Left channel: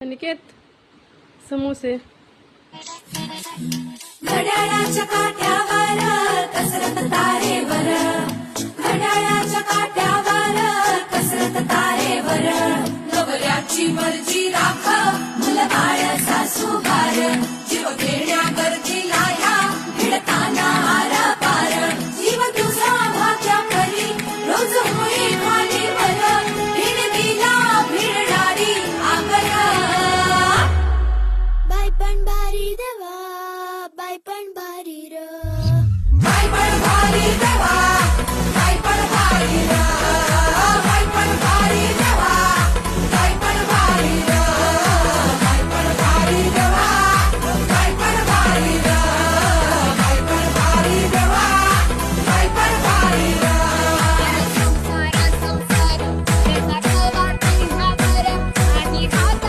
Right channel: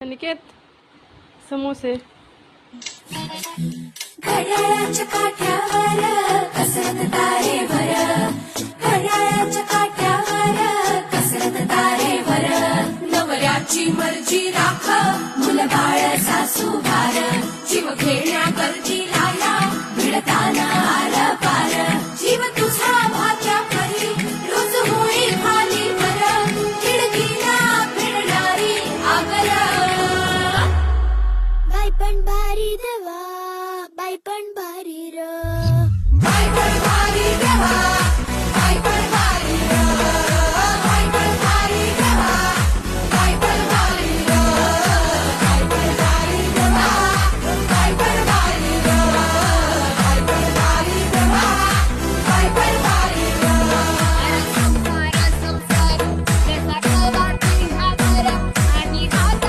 अनिकेत समोसे घड्याळाच्या काट्यावर कसरत तारेवर, घड्याळाच्या काट्यावर कसरत तारेवर, नवऱ्याची मर्जी